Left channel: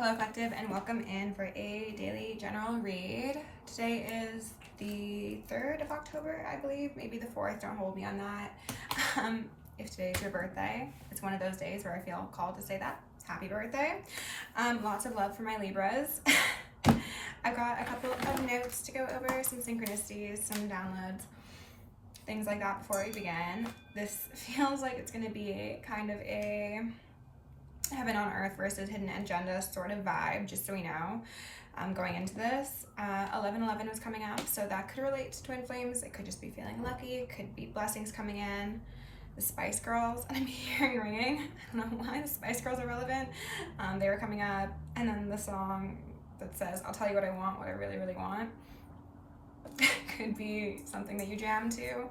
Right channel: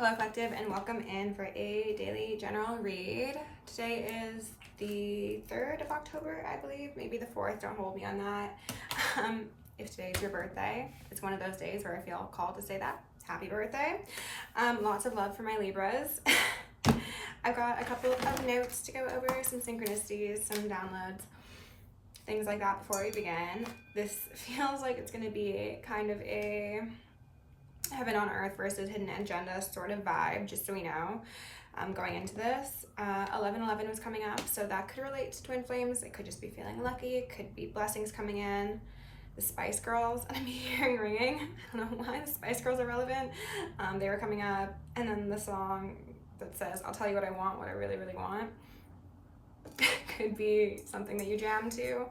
Hello collective, and welcome in for a daily general read. Today is the 3rd of October, I believe, maybe the 4th, don't hold me on that. If today's your birthday, it's one of those days where I feel called to say that. Happy birthday. Lots of love for my Libras. I've got a couple of notes to go over, some synchronicities, some downloads, things like that before we begin. This feels like it's going to be kind of a heaven on earth versus hidden agenda sort of vibe, just so we know, going into this. 11/11 was coming up, so that could relate to twin flames. It could just be feeling lucky. It could be blessings coming in. The Spice Girls, and I'm hearing ringing. I don't know why the Spice Girls are relevant. They were coming up, and then the song that says, I'll tell you what I want, what I really, really want. Could be something that you jam to.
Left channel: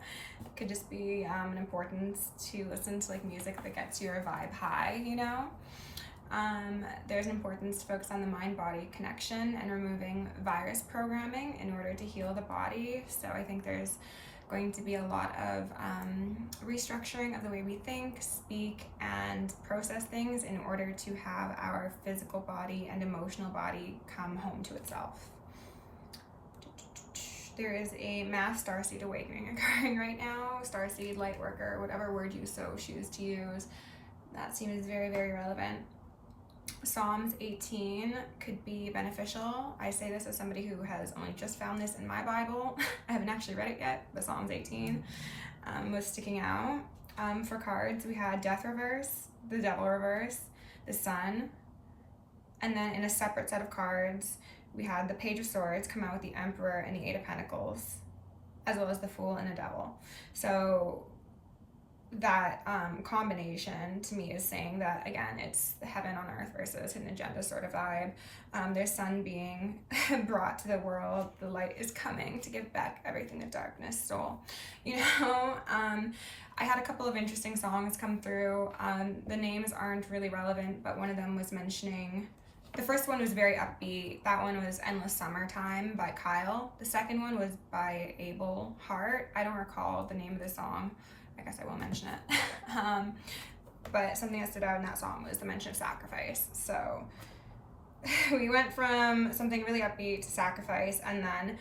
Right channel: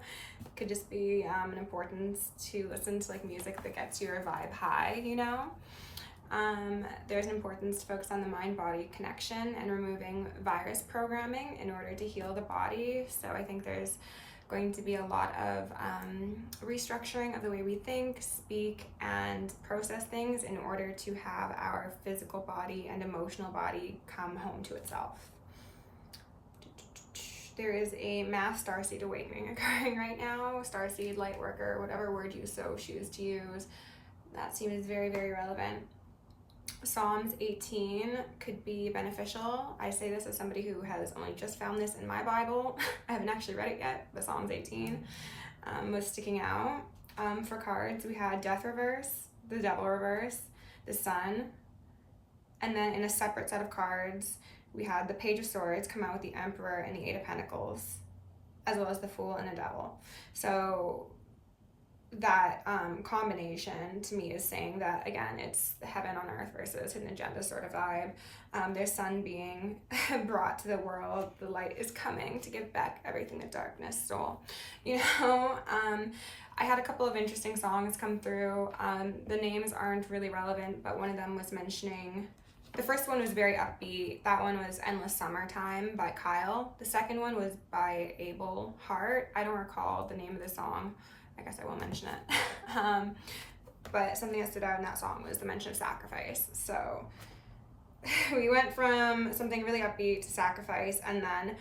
Could just be an importance to listen to like music that gets your vibe high, you know? There's an importance to focus on the mind-body connection and removing virus programming in order to heal the body. So I think there's going to be a lot of restructuring of the way we think, speak, and process things in order to have our physical body and emotional body come home to itself. There is a mass starseed awakening occurring right now. Starseed, light worker, whatever word you so choose to use. That seems very, very relevant. Psalms 18 could be beneficial. I say this as somebody who has only just found this in my Bible. I haven't actually read it yet, but Psalms 18 was sticking out. For cards, we had Death reverse, the Devil reverse, the Sun, and then in a separate set of cards, we had the Page of Swords come out with the Emperor and the Eight of Pentacles, as well as the Fool and the Devil. So that combination to me is saying that, again, it's the heaven on earth versus hidden agenda sort of vibe. There's sun being brought to the world. The light is coming to give back everything the darkness stole. You know, I had a couple of interesting songs come through. The names aren't really relevant, but one of them was mentioning, the first one was very upbeat. That one was Endless Summertime by Kyle. The second one was by Abel Hart. I don't recall the name of the song. I guess I will mention it. But something that stood out in that song was the mention of sacrifice. So we went from something really upbeat to sacrifice, and then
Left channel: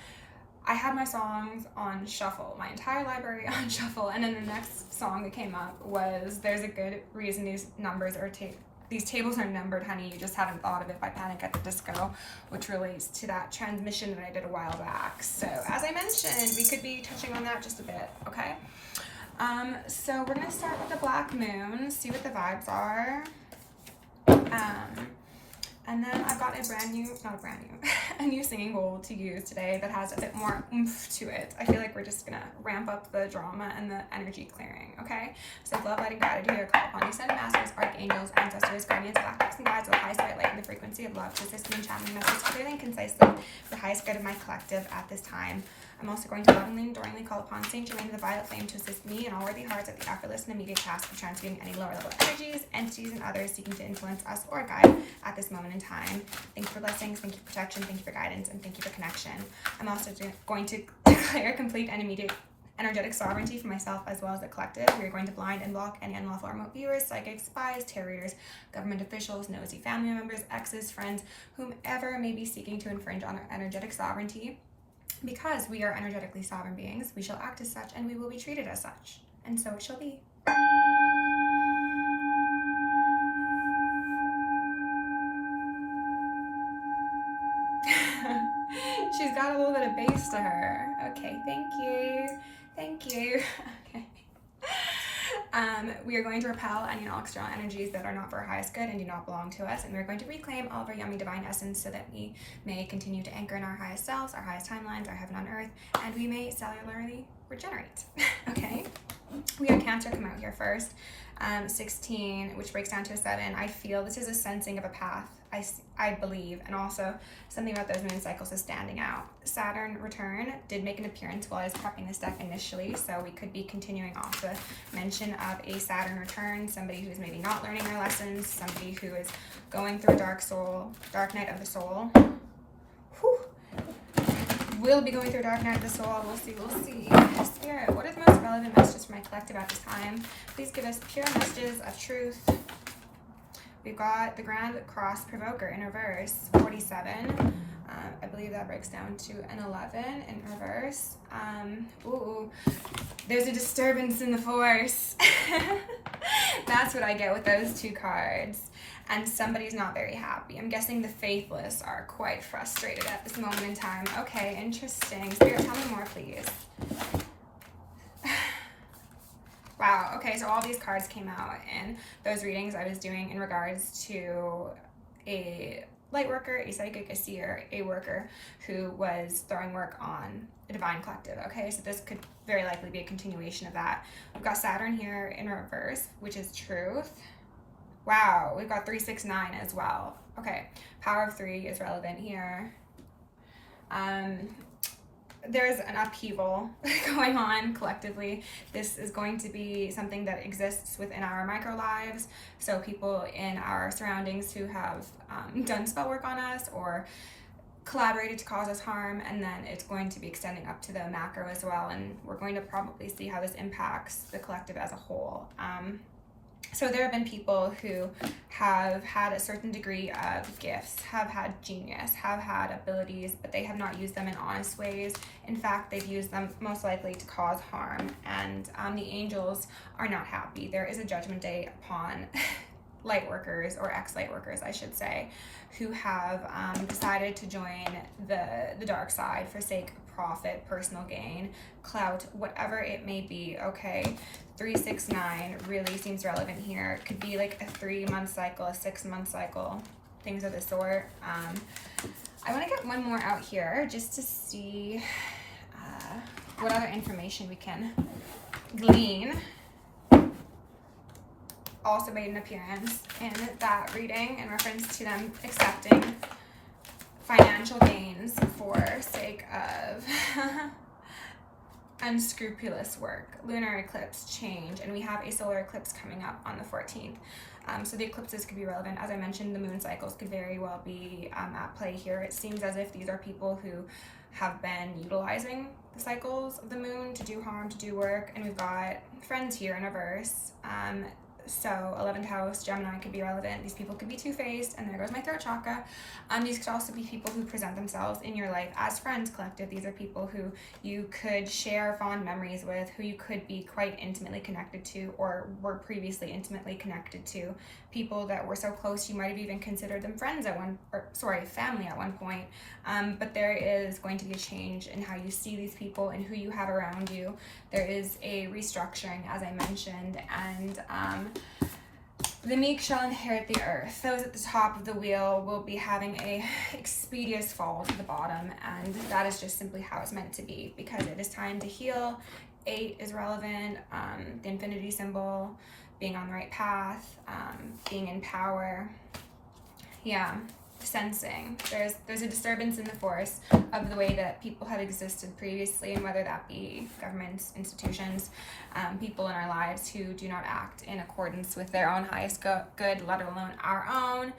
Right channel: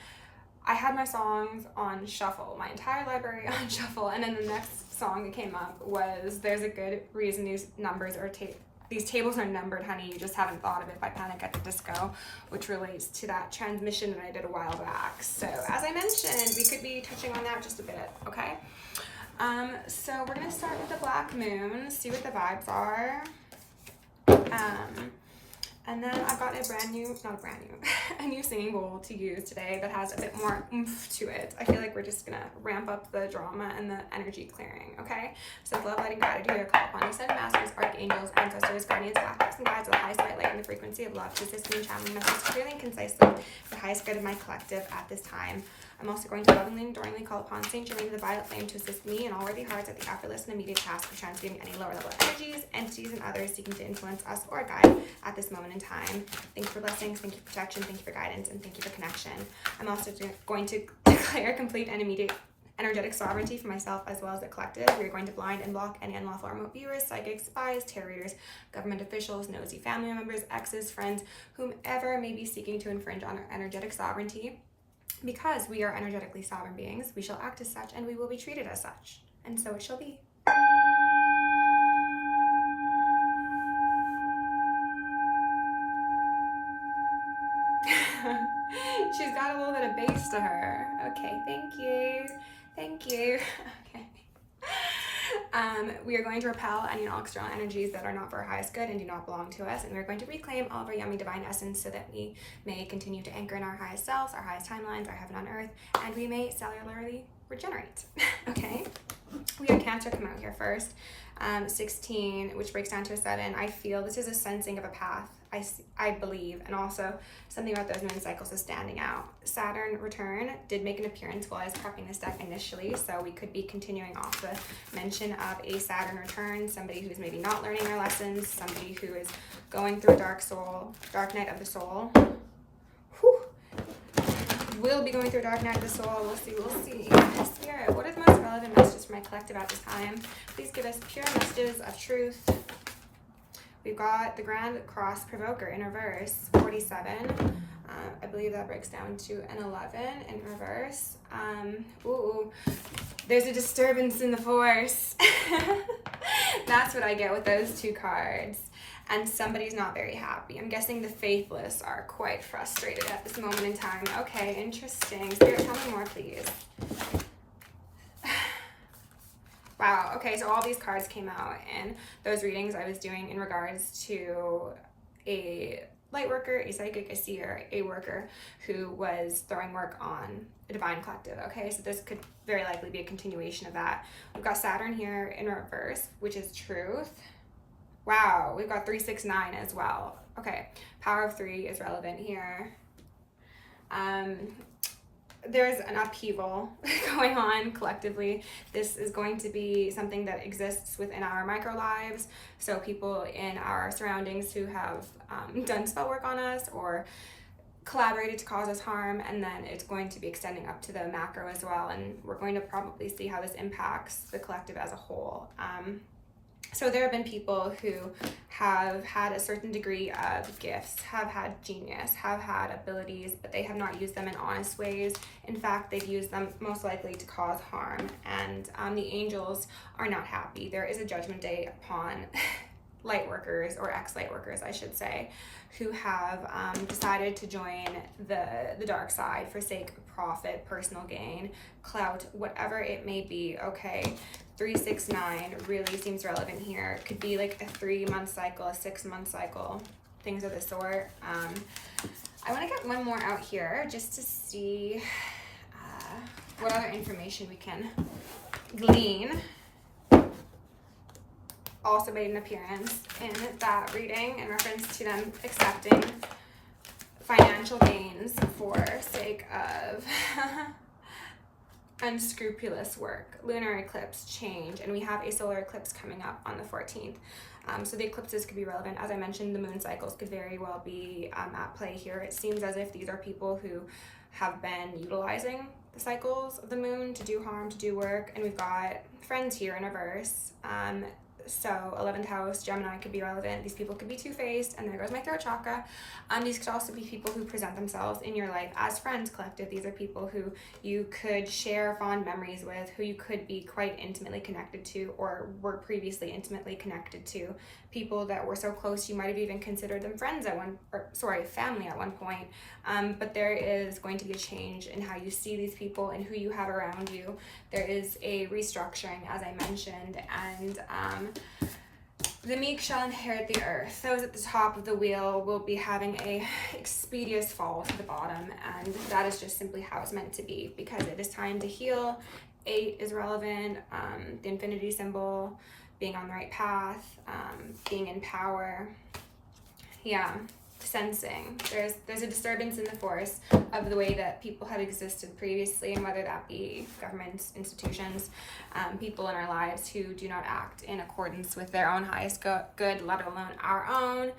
I had my songs on shuffle, my entire library on shuffle, and then the next song that came up was There's a Good Reason These Numbers Are These Tables Are Numbered, Honey, You Just Haven't Thought of It by Panic at the Disco, which relates to that transmission that I did a while back. So as I mentioned, we could be touching on that just a bit, okay? So we're going to start with the Black Moon, see what the vibes are. And then I've got a new single to use today that has a bit more oomph to it. I feel like we're just going to ramp up the drama and the energy clearing, okay? So love, light, and gratitude are called upon you, ascended masters, archangels, ancestors, guardians, black books, and guides of the highest white light and the frequency of love to assist me in channeling messages clearly and concisely for the highest good of my collective at this time. I'm also going to lovingly and adoringly call upon Saint Germain of the Violet Flame to assist me and all worthy hearts at the effortless and immediate task of transmuting any lower level energies, entities, and others seeking to influence us or guide at this moment in time. Thank you for blessings, thank you for protection, thank you for guidance, and thank you for connection. I'm also going to declare complete and immediate energetic sovereignty for myself as well as the collective. We are going to blind and block any unlawful remote viewers, psychics, spies, tarot readers, government officials, nosy family members, exes, friends, whomever may be seeking to infringe on our energetic sovereignty. Because we are energetically sovereign beings, we shall act as such and we will be treated as such. And so it shall be. She's got a little bit of bass to her. Okay, thank you. Thank you. Okay. We are going to repel any and all external energies that are not for our highest good and do not belong to us, and we're going to reclaim all of our yummy divine essence so that we may continue to anchor in our highest selves, our highest timelines, our heaven on earth, and we may cellularly regenerate. Okay? We have Cancer come out here first. 16, which breaks down to a 7. I feel this is a sensing of a path, I believe, and also something about those moon cycles is standing out. Saturn return did make an appearance while I was prepping this deck initially, so we could be continuing off the mention of a Saturn return, somebody who's maybe not learning their lessons, somebody who is going through a dark night of the soul. Whew. Will be going through a dark night of the soul. We'll see. Spirit, what is the most relevant messages for my collective at this time? Please give us pure messages of truth. We've got the Grand Cross Provoker in reverse, 47. I believe that breaks down to an 11 in reverse. Ooh, there's a disturbance in the force. That's what I get with those two cards. And somebody's not very happy. I'm guessing the faithless are quite frustrated at this moment in time. Okay, interesting. Spirit, tell me more, please. Wow, okay, so all these cards came out in those readings I was doing in regards to a light worker, a psychic, a seer, a worker who was throwing work on a divine collective. Okay, so this could very likely be a continuation of that. We've got Saturn here in reverse, which is truth. Wow, we've got 369 as well. Okay, power of 3 is relevant here. There's an upheaval going on collectively. This is going to be something that exists within our micro lives. So people in our surroundings who have done spell work on us or collaborated to cause us harm, and then it's going to be extending up to the macro as well. And we're going to probably see how this impacts the collective as a whole. So there have been people who have had a certain degree of gifts, have had genius, have had abilities, but they have not used them in honest ways. In fact, they've used them most likely to cause harm, and the angels are not happy. There is a judgment day upon light workers, or ex-light workers, I should say, who have decided to join the dark side for sake of profit, personal gain, clout, whatever it may be, okay? 369 really seems relevant here. Could be like a 3-month cycle, a 6-month cycle, things of the sort. I want to get one more out here just to see what other information we can glean. Also made an appearance in that reading in reference to them accepting financial gains for sake of unscrupulous work, lunar eclipse, change, and we have a solar eclipse coming up on the 14th. So the eclipses could be relevant. As I mentioned, the moon cycles could very well be at play here. It seems as if these are people who have been utilizing the cycles of the moon to do harm, to do work, and we've got friends here in reverse. So 11th house, Gemini could be relevant. These people could be two-faced, and there goes my throat chakra. These could also be people who present themselves in your life as friends collective. These are people who you could share fond memories with, who you could be quite intimately connected to, or were previously intimately connected to. People that were so close you might have even considered them friends at family at one point. But there is going to be a change in how you see these people and who you have around you. There is a restructuring, as I mentioned, and the meek shall inherit the earth. Those at the top of the wheel will be having a expeditious fall to the bottom, and that is just simply how it's meant to be, because it is time to heal. 8 is relevant, the infinity symbol, being on the right path, being in power. Yeah, sensing. There's a disturbance in the force of the way that people have existed previously, and whether that be governments, institutions, people in our lives who do not act in accordance with their own highest good, let alone our own.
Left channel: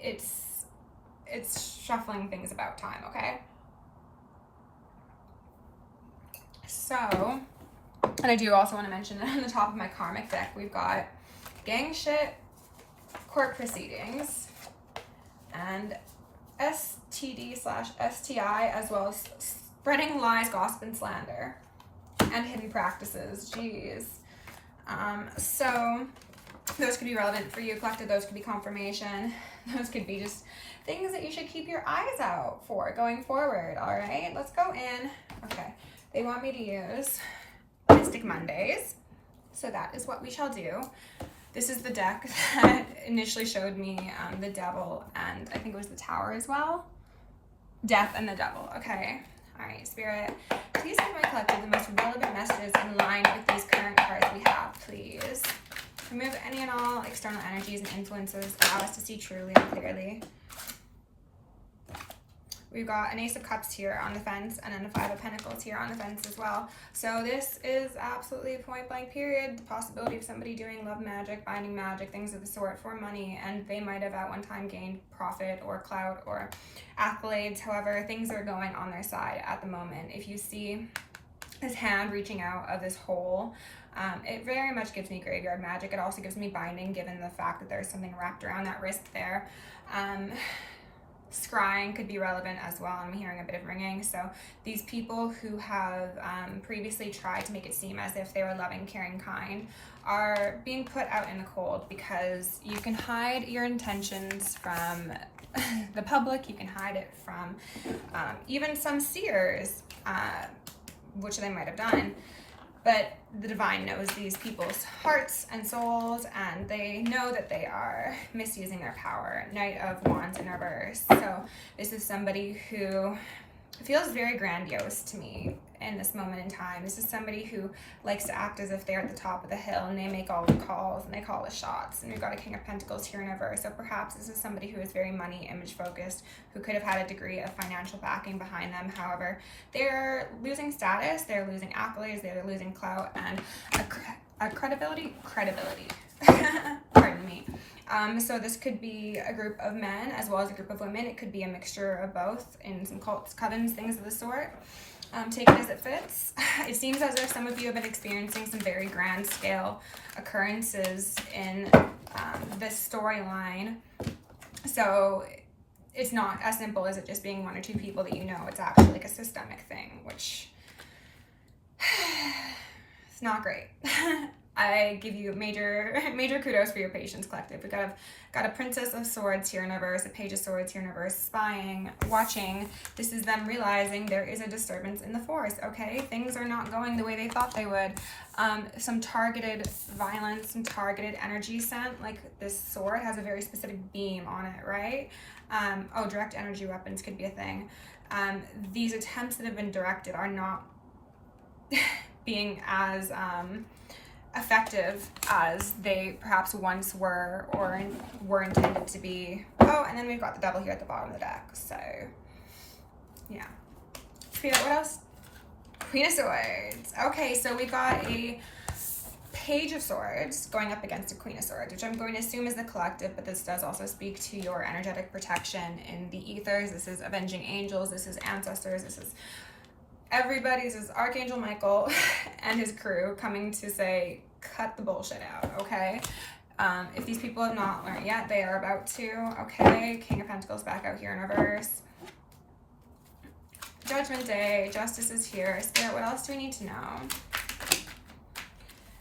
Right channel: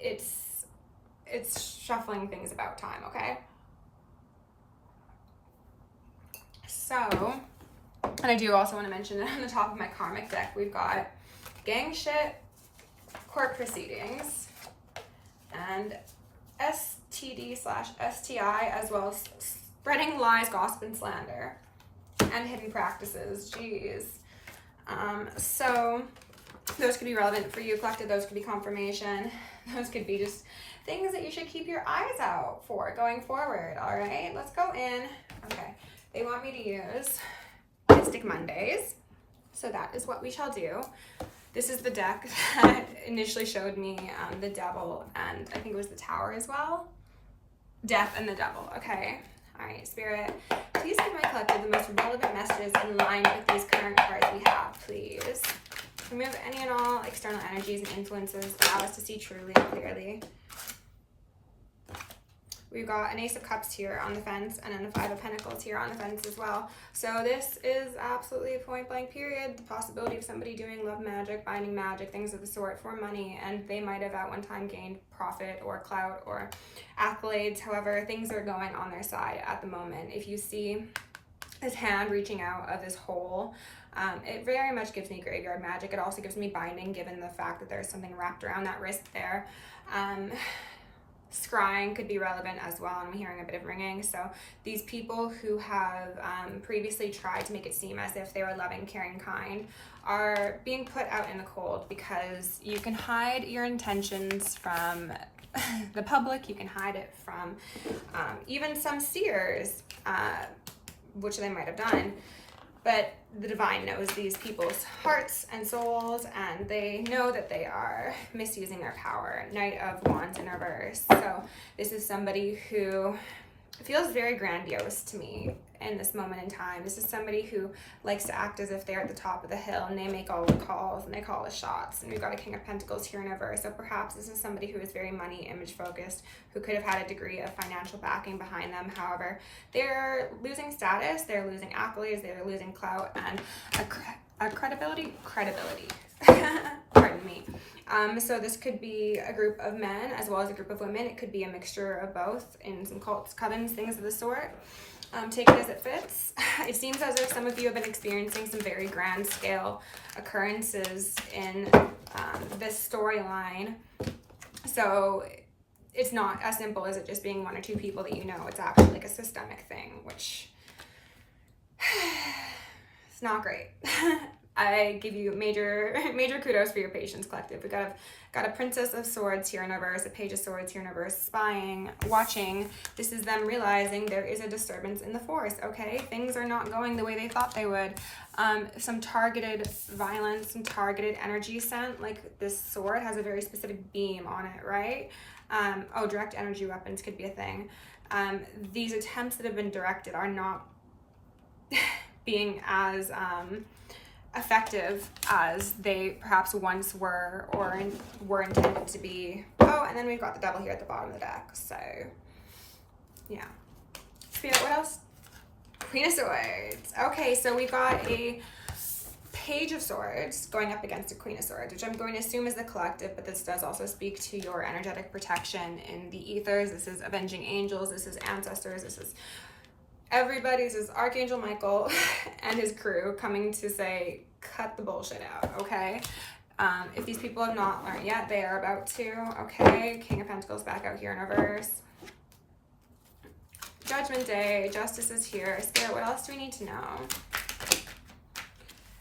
It's shuffling things about time, okay? So, and I do also want to mention that on the top of my karmic deck, we've got gang shit, court proceedings, and STD/STI, as well as spreading lies, gossip, and slander, and hidden practices. Jeez. So those could be relevant for you, collective. Those could be confirmation. Those could be just things that you should keep your eyes out for going forward. All right, let's go in. Okay, they want me to use Mystic Mondays, so that is what we shall do. This is the deck that initially showed me the devil, and I think it was the tower as well. Death and the devil. Okay. All right, Spirit, please give my collective the most relevant messages in line with these current cards we have, please. Remove any and all external energies and influences. Allow us to see truly and clearly. We've got an Ace of Cups here on the fence, and then a 5 of Pentacles here on the fence as well. So this is absolutely a point blank period. The possibility of somebody doing love magic, binding magic, things of the sort for money, and they might have at one time gained profit or clout or accolades. However, things are going on their side at the moment. If you see this hand reaching out of this hole, It very much gives me graveyard magic. It also gives me binding, given the fact that there's something wrapped around that wrist there. Scrying could be relevant as well. I'm hearing a bit of ringing. So these people who have previously tried to make it seem as if they were loving, caring, kind are being put out in the cold, because you can hide your intentions from the public. You can hide it from even some seers, which they might have done. But the divine knows these people's hearts and souls, and they know that they are misusing their power. Knight of Wands in reverse. So this is somebody who feels very grandiose to me in this moment in time. This is somebody who likes to act as if they're at the top of the hill, and they make all the calls and they call the shots. And we've got a King of Pentacles here in reverse. So perhaps this is somebody who is very money image focused, who could have had a degree of financial backing behind them. However, they're losing status, they're losing accolades, they're losing clout, and a credibility. Pardon me. So this could be a group of men as well as a group of women. It could be a mixture of both in some cults, covens, things of the sort. Take it as it fits. It seems as if some of you have been experiencing some very grand scale occurrences in this storyline. So it's not as simple as it just being one or two people that you know. It's actually like a systemic thing, which it's not great. I give you major kudos for your patience, collective. We got a Princess of Swords here in reverse, a Page of Swords here in reverse, spying, watching. This is them realizing there is a disturbance in the force, okay? Things are not going the way they thought they would. Some targeted violence, some targeted energy sent, like this sword has a very specific beam on it, right? Direct energy weapons could be a thing. These attempts that have been directed are not being as effective as they perhaps once were or were intended to be. Oh, and then we've got the Devil here at the bottom of the deck. So, yeah. What else? Queen of Swords. Okay, so we got a Page of Swords going up against a Queen of Swords, which I'm going to assume is the collective, but this does also speak to your energetic protection in the ethers. This is avenging angels. This is ancestors. This is everybody. This is Archangel Michael and his crew coming to say, cut the bullshit out, okay? If these people have not learned yet, they are about to, okay? King of Pentacles back out here in reverse. Judgment Day, Justice is here. Spirit, what else do we need to know?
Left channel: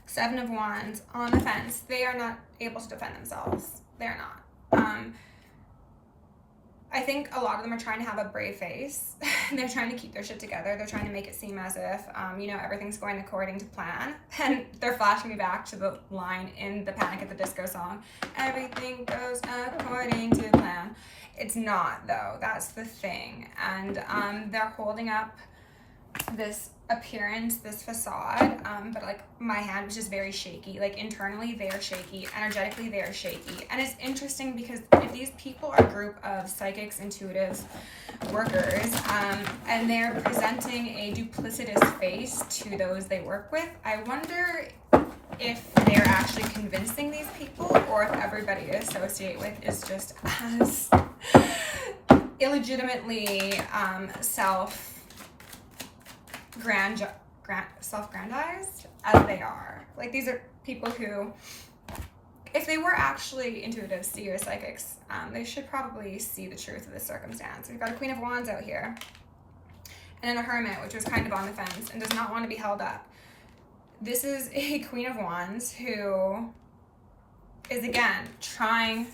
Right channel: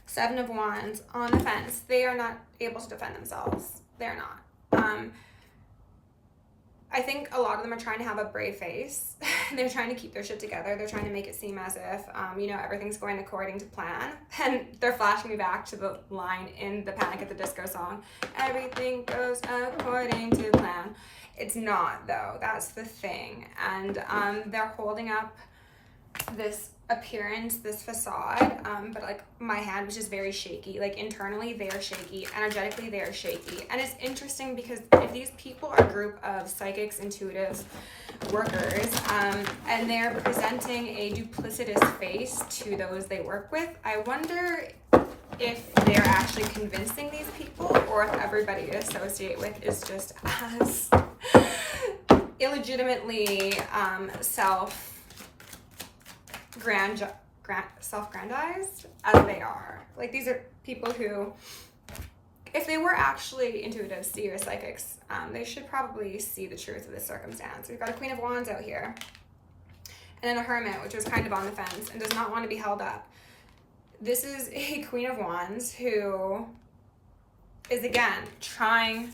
Seven of Wands, on the fence. They are not able to defend themselves. They're not. I think a lot of them are trying to have a brave face. They're trying to keep their shit together. They're trying to make it seem as if, everything's going according to plan. And they're flashing me back to the line in the Panic at the Disco song. Everything goes according to plan. It's not, though. That's the thing. And they're holding up this appearance, this facade, but like my hand was just very shaky. Like internally they are shaky, energetically they are shaky. And it's interesting because if these people are a group of psychics, intuitive workers, and they're presenting a duplicitous face to those they work with, I wonder if they're actually convincing these people, or if everybody they associate with is just as illegitimately self-grandized as they are. Like these are people who, if they were actually intuitive, seer, psychics, they should probably see the truth of this circumstance. We've got a Queen of Wands out here, and then a Hermit, which was kind of on the fence and does not want to be held up. This is a Queen of Wands who is, again, trying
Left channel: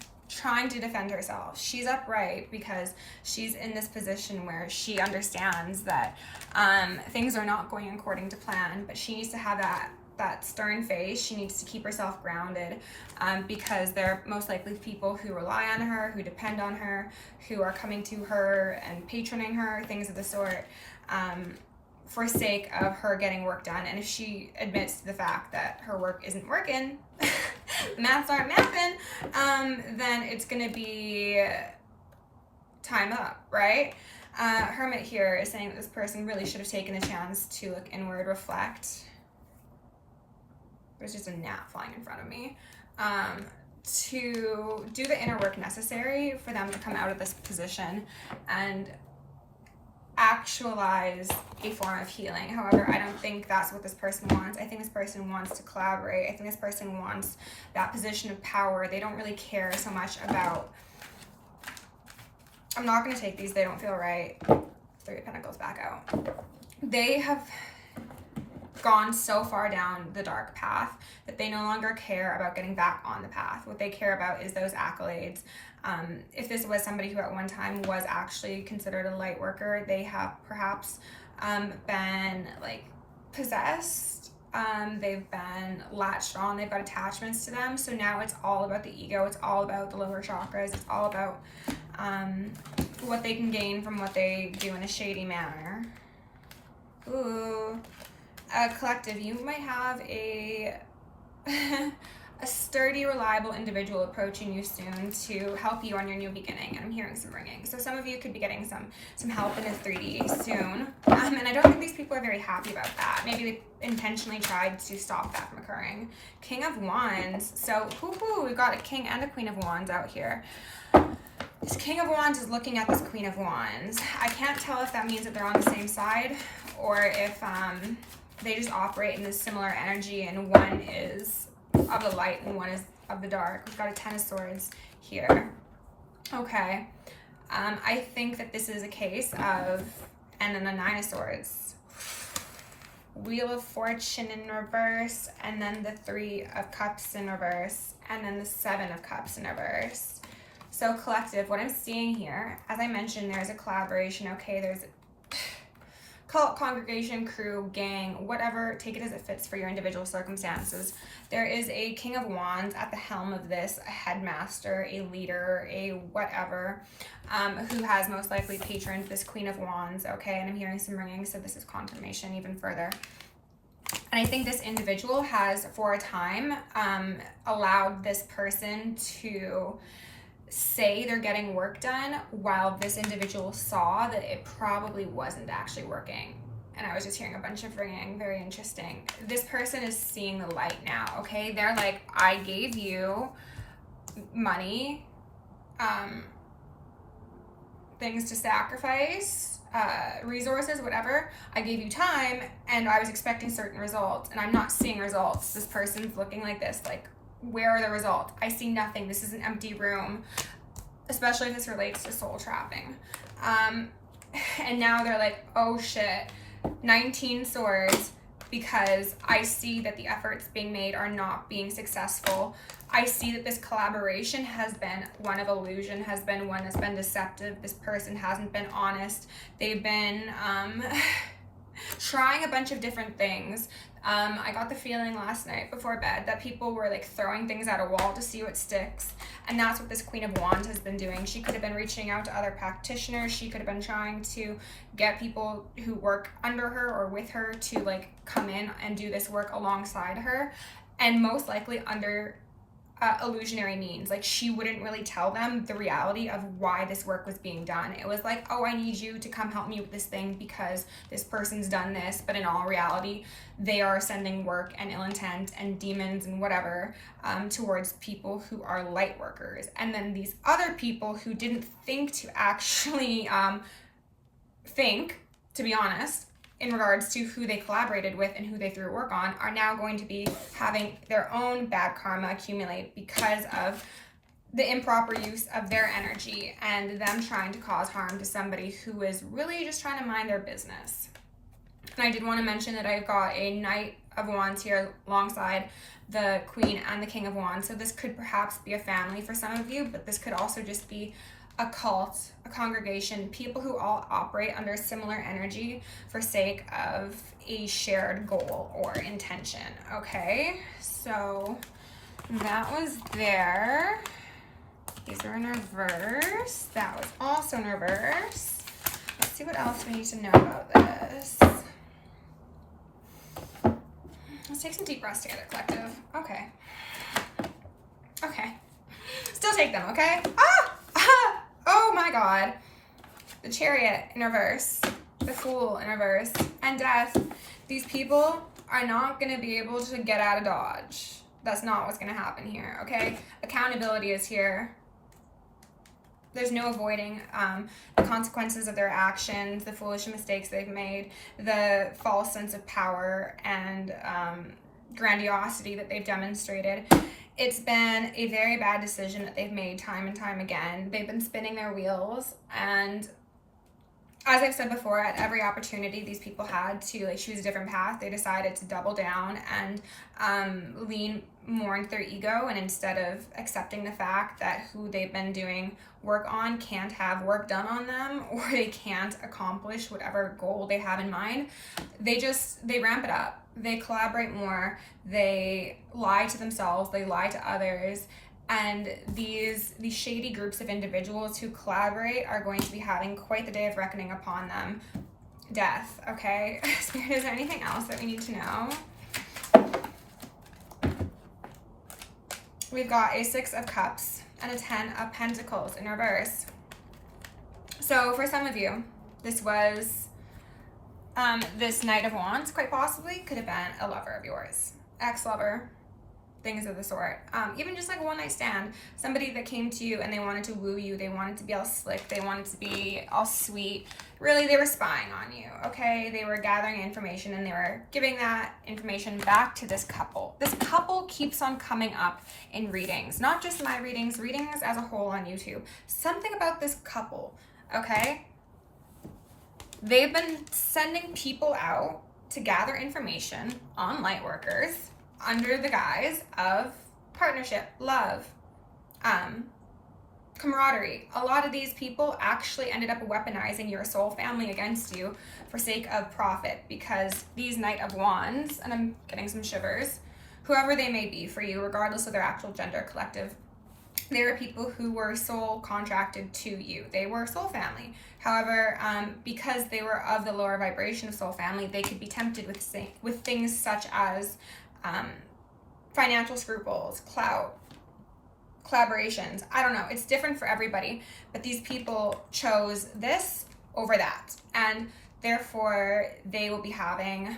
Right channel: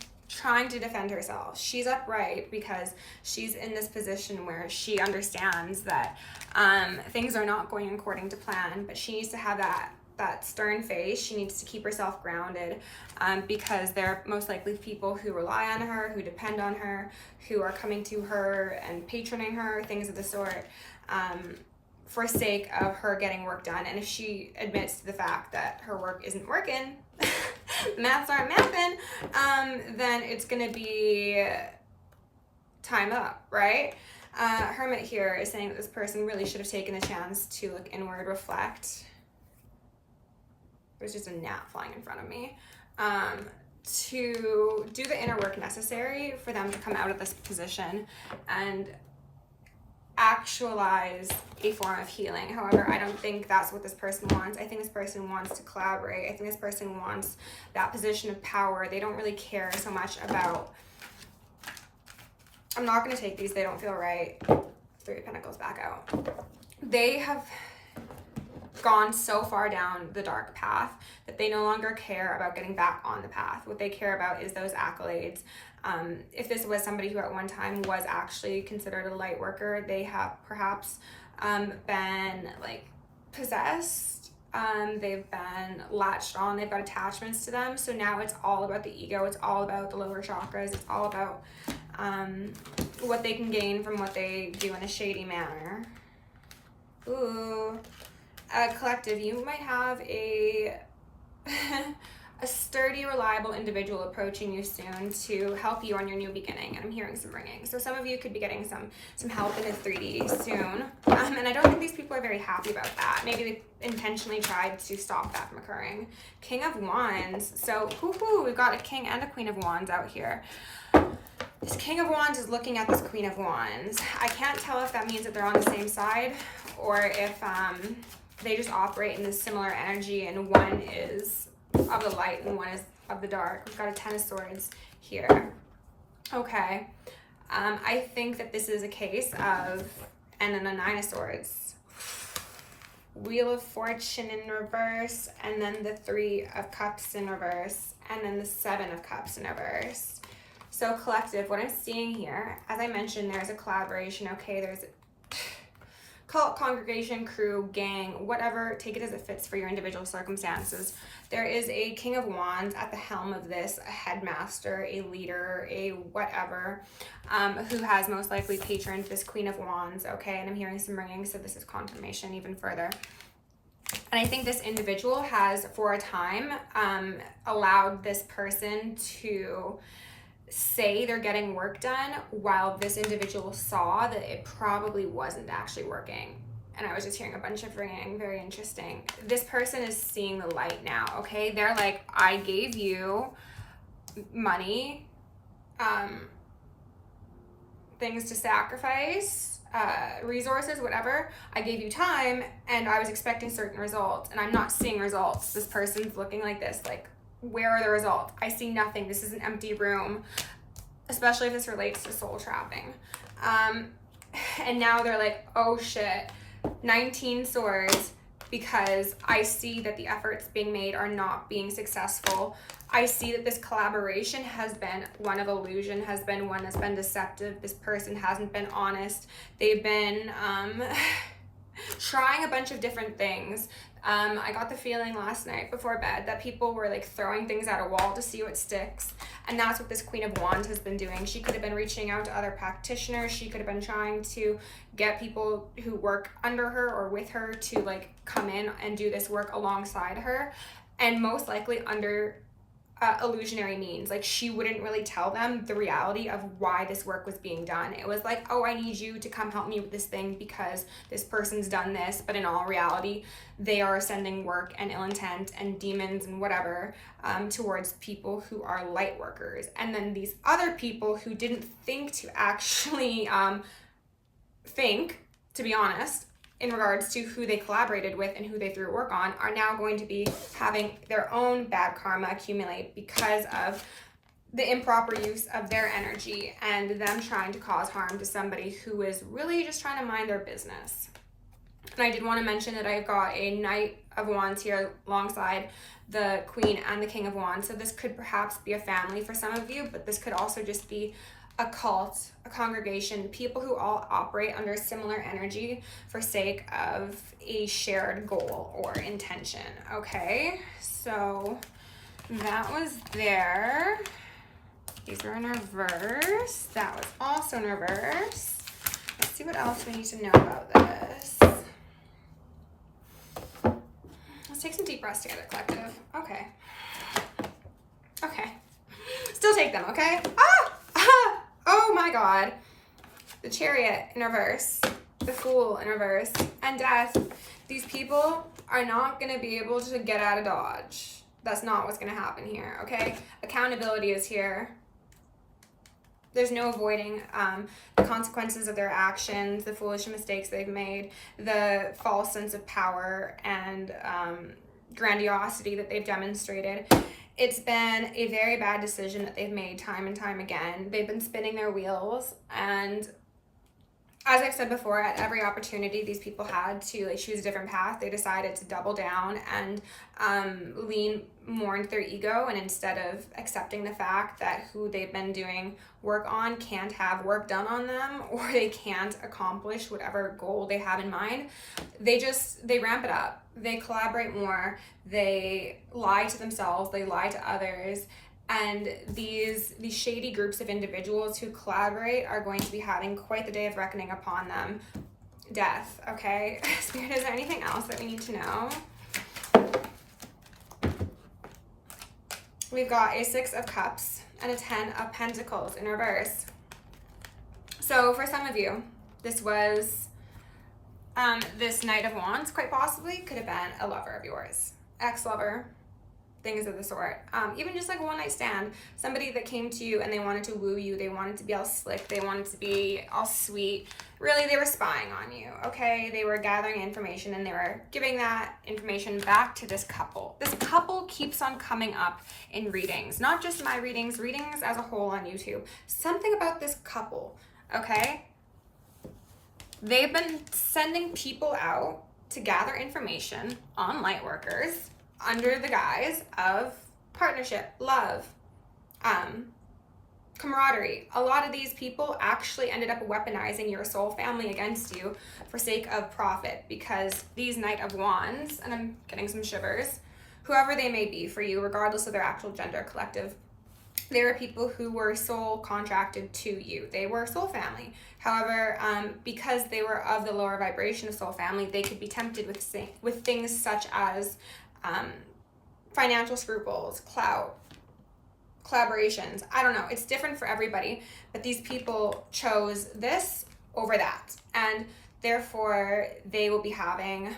to defend herself. She's upright because she's in this position where she understands that things are not going according to plan, but she needs to have that stern face. She needs to keep herself grounded because they're most likely people who rely on her, who depend on her, who are coming to her and patroning her, things of the sort, for sake of her getting work done. And if she admits to the fact that her work isn't working, maths aren't mathing, then it's gonna be time up, right? Hermit here is saying that this person really should have taken the chance to look inward, reflect. There's just a gnat flying in front of me. To do the inner work necessary for them to come out of this position and actualize a form of healing. However, I don't think that's what this person wants. I think this person wants to collaborate. I think this person wants that position of power. They don't really care so much about, I'm not going to take these, they don't feel right. Three of Pentacles back out. They have gone so far down the dark path that they no longer care about getting back on the path. What they care about is those accolades. If this was somebody who at one time was actually considered a light worker, they have perhaps been like possessed. They've been latched on. They've got attachments to them. So now it's all about the ego. It's all about the lower chakras. It's all about what they can gain from what they do in a shady manner. Ooh. Collective, you might have a sturdy, reliable individual approaching you soon to help you on your new beginning. And I'm hearing some ringing. So some of you could be getting some help in a 3D soon. And I don't think these people are very happy about that. Maybe they intentionally tried to stop that from occurring. King of Wands. So, we've got a King and a Queen of Wands out here. This King of Wands is looking at this Queen of Wands. I can't tell if that means that they're on the same side or if they just operate in this similar energy and one is of the light and one is of the dark. We've got a Ten of Swords here. Okay. I think that this is a case of, and then a Nine of Swords. Wheel of Fortune in reverse, and then the Three of Cups in reverse, and then the Seven of Cups in reverse. So collective, what I'm seeing here, as I mentioned, there's a collaboration, okay? There's cult, congregation, crew, gang, whatever, take it as it fits for your individual circumstances. There is a King of Wands at the helm of this, a headmaster, a leader, a whatever, who has most likely patroned this Queen of Wands, okay? And I'm hearing some ringing, so this is confirmation even further. And I think this individual has, for a time, allowed this person to say they're getting work done while this individual saw that it probably wasn't actually working. And I was just hearing a bunch of ringing, very interesting. This person is seeing the light now, okay? They're like, I gave you money, things to sacrifice, resources, whatever. I gave you time and I was expecting certain results and I'm not seeing results. This person's looking like this, like, where are the results? I see nothing. This is an empty room, especially if this relates to soul trapping. And now they're like, oh shit, 19 swords, because I see that the efforts being made are not being successful. I see that this collaboration has been one of illusion, has been one that's been deceptive. This person hasn't been honest. They've been trying a bunch of different things. I got the feeling last night before bed that people were like throwing things at a wall to see what sticks. And that's what this Queen of Wands has been doing. She could have been reaching out to other practitioners. She could have been trying to get people who work under her or with her to like come in and do this work alongside her. And most likely under illusionary means. Like, she wouldn't really tell them the reality of why this work was being done. It was like, oh, I need you to come help me with this thing because this person's done this. But in all reality, they are sending work and ill intent and demons and whatever towards people who are light workers. And then these other people who didn't think to actually to be honest, in regards to who they collaborated with and who they threw work on, are now going to be having their own bad karma accumulate because of the improper use of their energy and them trying to cause harm to somebody who is really just trying to mind their business. And I did want to mention that I've got a Knight of Wands here alongside the Queen and the King of Wands. So this could perhaps be a family for some of you, but this could also just be a cult, a congregation, people who all operate under similar energy for sake of a shared goal or intention. Okay, so that was there. These are in reverse. That was also in reverse. Let's see what else we need to know about this. Let's take some deep breaths together, collective. Okay. Still take them, okay? Oh my God. The Chariot in reverse, the Fool in reverse, and Death. These people are not going to be able to get out of Dodge. That's not what's going to happen here, okay? Accountability is here. There's no avoiding the consequences of their actions, the foolish mistakes they've made, the false sense of power and grandiosity that they've demonstrated. It's been a very bad decision that they've made time and time again. They've been spinning their wheels, and as I've said before, at every opportunity these people had to like choose a different path, they decided to double down and lean more into their ego, and instead of accepting the fact that who they've been doing work on can't have work done on them, or they can't accomplish whatever goal they have in mind, they ramp it up. They collaborate more, they lie to themselves, they lie to others, and these shady groups of individuals who collaborate are going to be having quite the day of reckoning upon them. Death, okay? Spirit, is there anything else that we need to know? We've got a 6 of Cups and a 10 of Pentacles in reverse. So for some of you, this was this Knight of Wands, quite possibly, could have been a lover of yours, ex-lover, things of the sort. Even just like a one-night stand, somebody that came to you and they wanted to woo you, they wanted to be all slick, they wanted to be all sweet. Really, they were spying on you, okay? They were gathering information and they were giving that information back to this couple. This couple keeps on coming up in readings, not just my readings, readings as a whole on YouTube. Something about this couple, okay? They've been sending people out to gather information on light workers under the guise of partnership, love, camaraderie. A lot of these people actually ended up weaponizing your soul family against you for sake of profit, because these Knight of Wands, and I'm getting some shivers, whoever they may be for you, regardless of their actual gender, collective, they were people who were soul contracted to you. They were soul family. However, because they were of the lower vibration of soul family, they could be tempted with things such as financial scruples, clout, collaborations. I don't know. It's different for everybody, but these people chose this over that, and therefore they will be having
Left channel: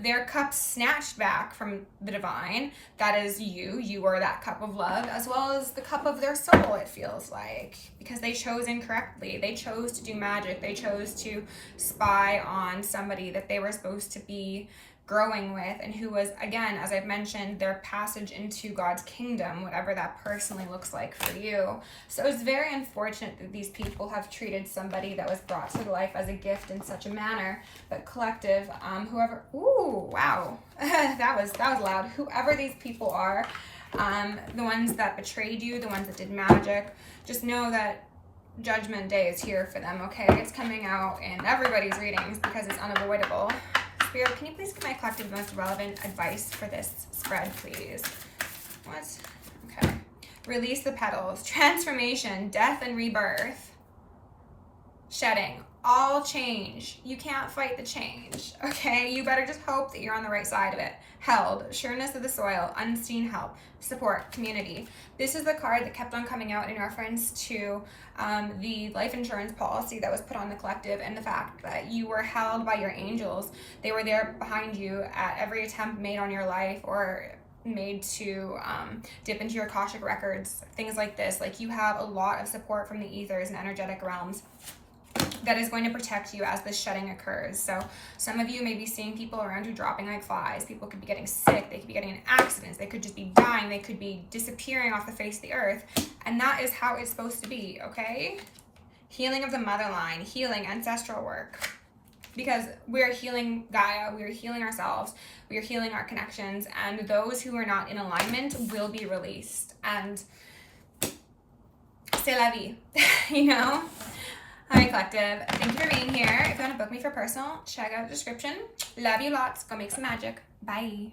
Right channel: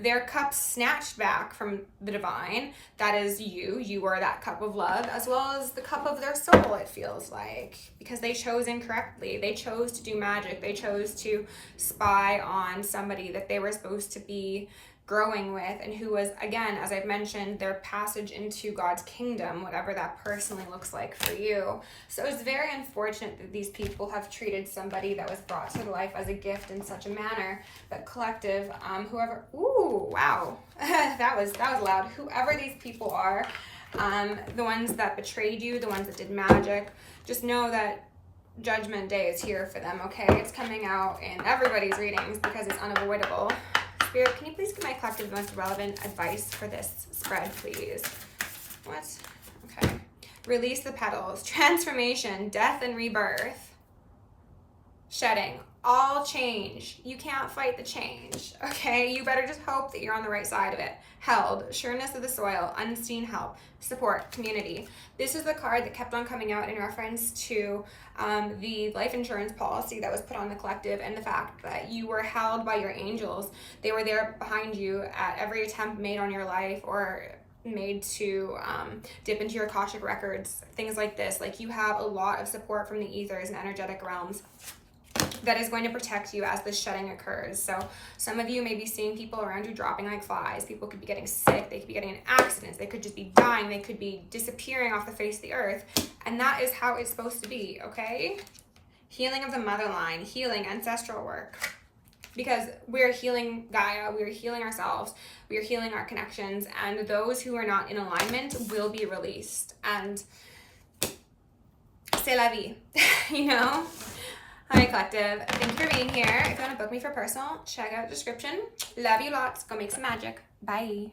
their cup snatched back from the divine. That is you. You are that cup of love, as well as the cup of their soul, it feels like, because they chose incorrectly. They chose to do magic. They chose to spy on somebody that they were supposed to be growing with, and who was, again, as I've mentioned, their passage into God's kingdom, whatever that personally looks like for you. So it's very unfortunate that these people have treated somebody that was brought to life as a gift in such a manner. But collective, whoever, ooh, wow, that was loud. Whoever these people are, the ones that betrayed you, the ones that did magic, just know that Judgment Day is here for them, okay? It's coming out in everybody's readings because it's unavoidable. Spirit, can you please give my collective the most relevant advice for this spread, please? What? Okay. Release the petals. Transformation, death and rebirth. Shedding. All change. You can't fight the change, okay? You better just hope that you're on the right side of it. Held. Sureness of the soil. Unseen help. Support. Community. This is the card that kept on coming out in reference to the life insurance policy that was put on the collective, and the fact that you were held by your angels. They were there behind you at every attempt made on your life, or made to dip into your Akashic records, things like this. Like, you have a lot of support from the ethers and energetic realms that is going to protect you as this shedding occurs. So some of you may be seeing people around you dropping like flies. People could be getting sick. They could be getting in accidents. They could just be dying. They could be disappearing off the face of the earth. And that is how it's supposed to be, okay? Healing of the mother line, healing, ancestral work. Because we're healing Gaia, we're healing ourselves, we're healing our connections, and those who are not in alignment will be released. And c'est la vie, you know? Hi, collective. Thank you for being here. If you want to book me for personal, check out the description. Love you lots. Go make some magic. Bye.